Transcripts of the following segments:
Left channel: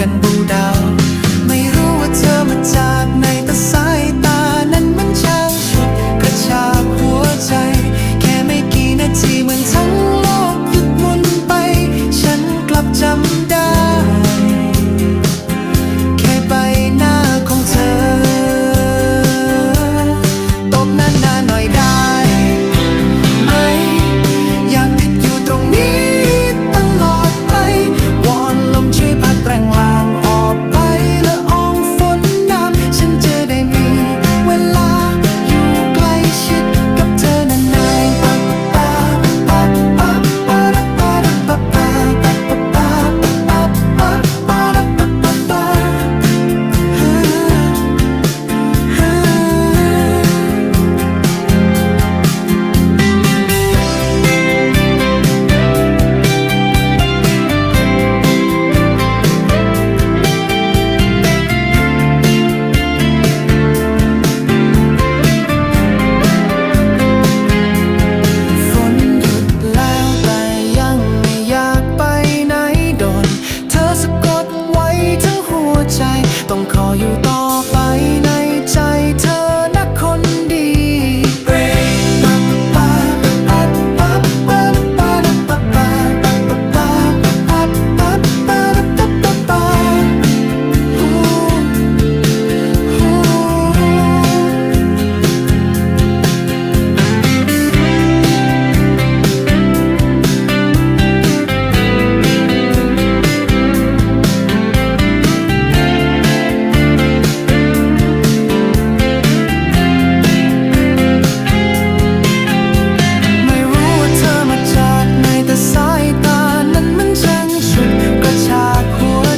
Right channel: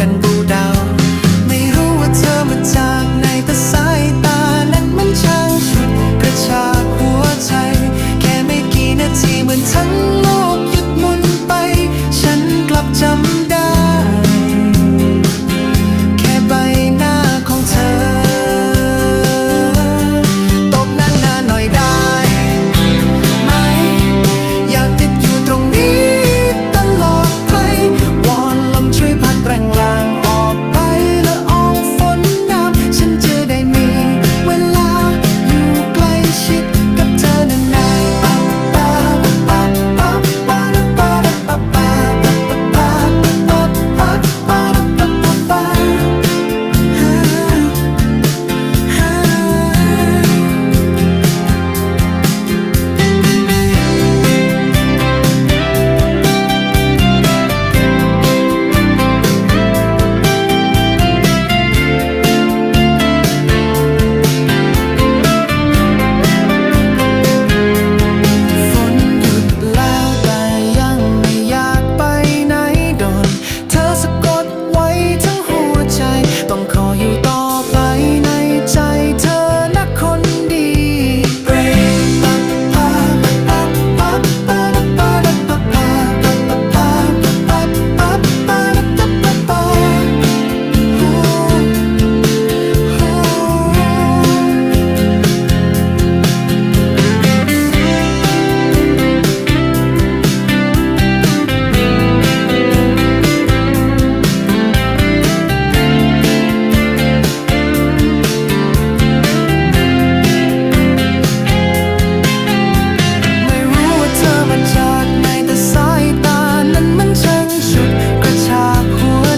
กันบูดาว ไม่รู้ว่าเธอมาจากไหนแต่สายตานั้นมันช่างฉุด กระชากหัวใจ แค่ไม่กี่นาทีเหมือนทั้งโลกหยุดหมุนไป ฉันกลับจำได้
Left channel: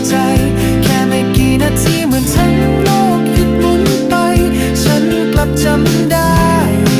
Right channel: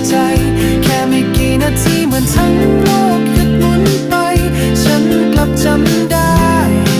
ใจ แค่ไม่กี่นาทีเหมือนทั้งโลกหยุดหมุนไป ฉันกลับจำได้